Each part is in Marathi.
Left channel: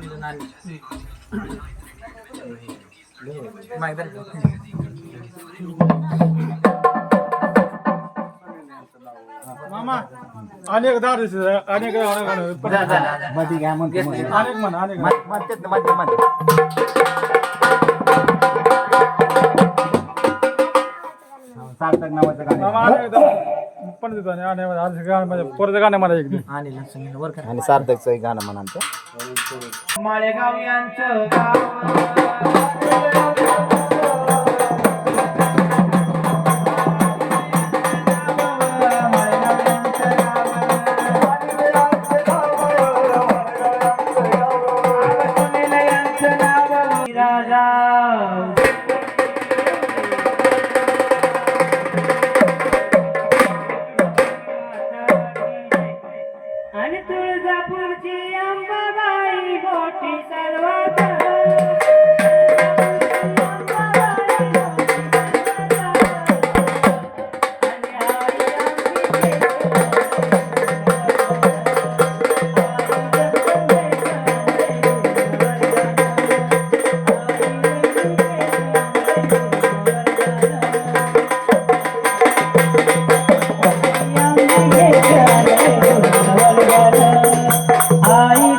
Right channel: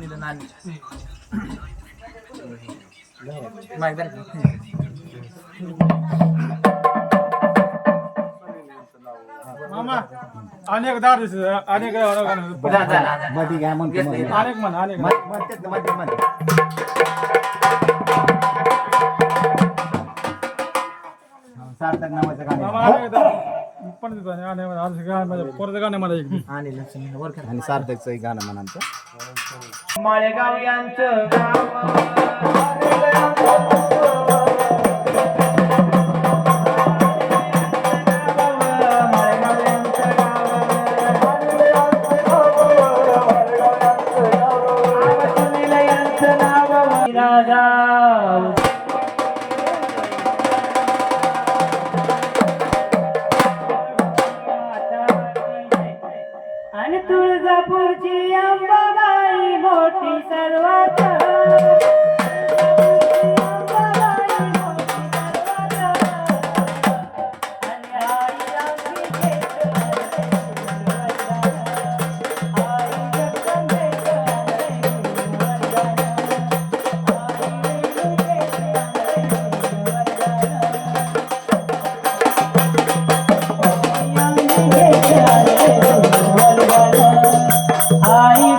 सुनील नानी माहित आहे का? मामा अनेक दार अनेक मध्ये काय म्हणतो अनेक म्हण अनेक म्हणतात मध्ये मध्ये सार्थक नावाचं गाणं मामा अनेक पण देतो आणि आज गाणं म्हणजे परत गाणं मला एक आणि सुनील वर करा. आणि सार्थकचं एक गाणं म्हणांचं माळेगाव यांचं गाव आणि तुळजापूरची अंबाबाई मोठी सर्वात आई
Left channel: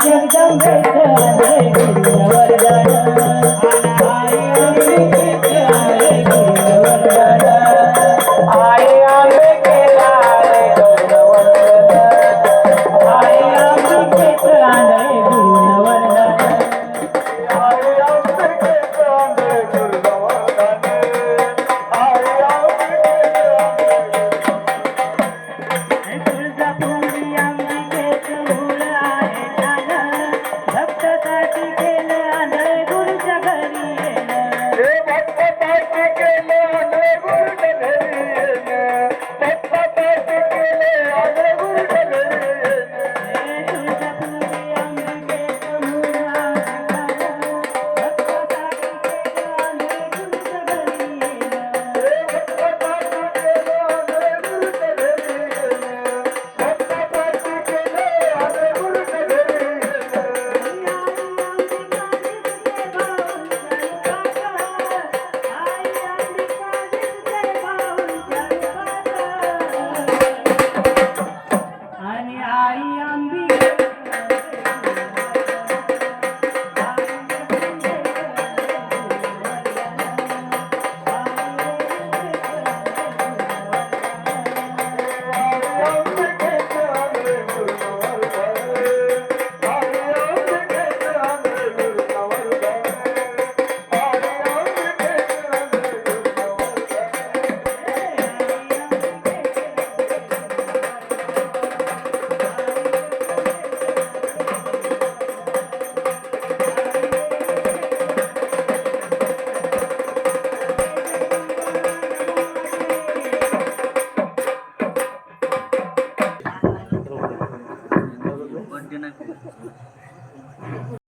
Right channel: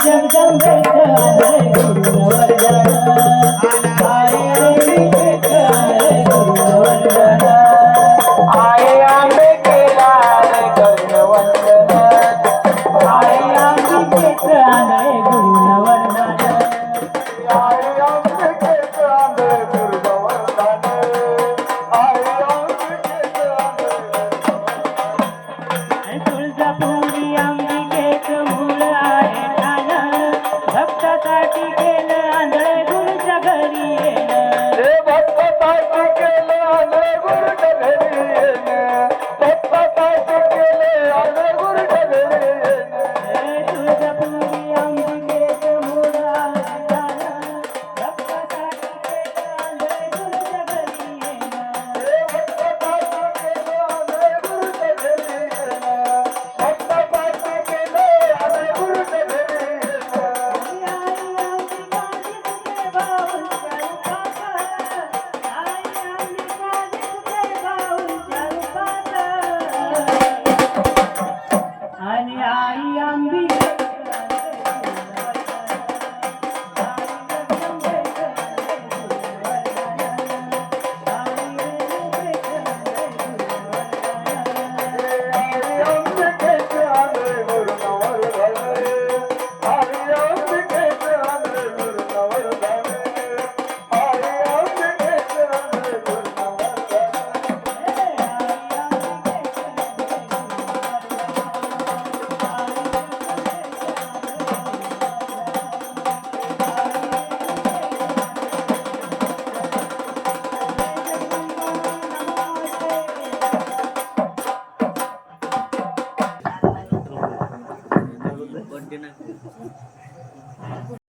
तुळजापुरी अंबिकेचं मूळ आहे ठाण भक्तासाठी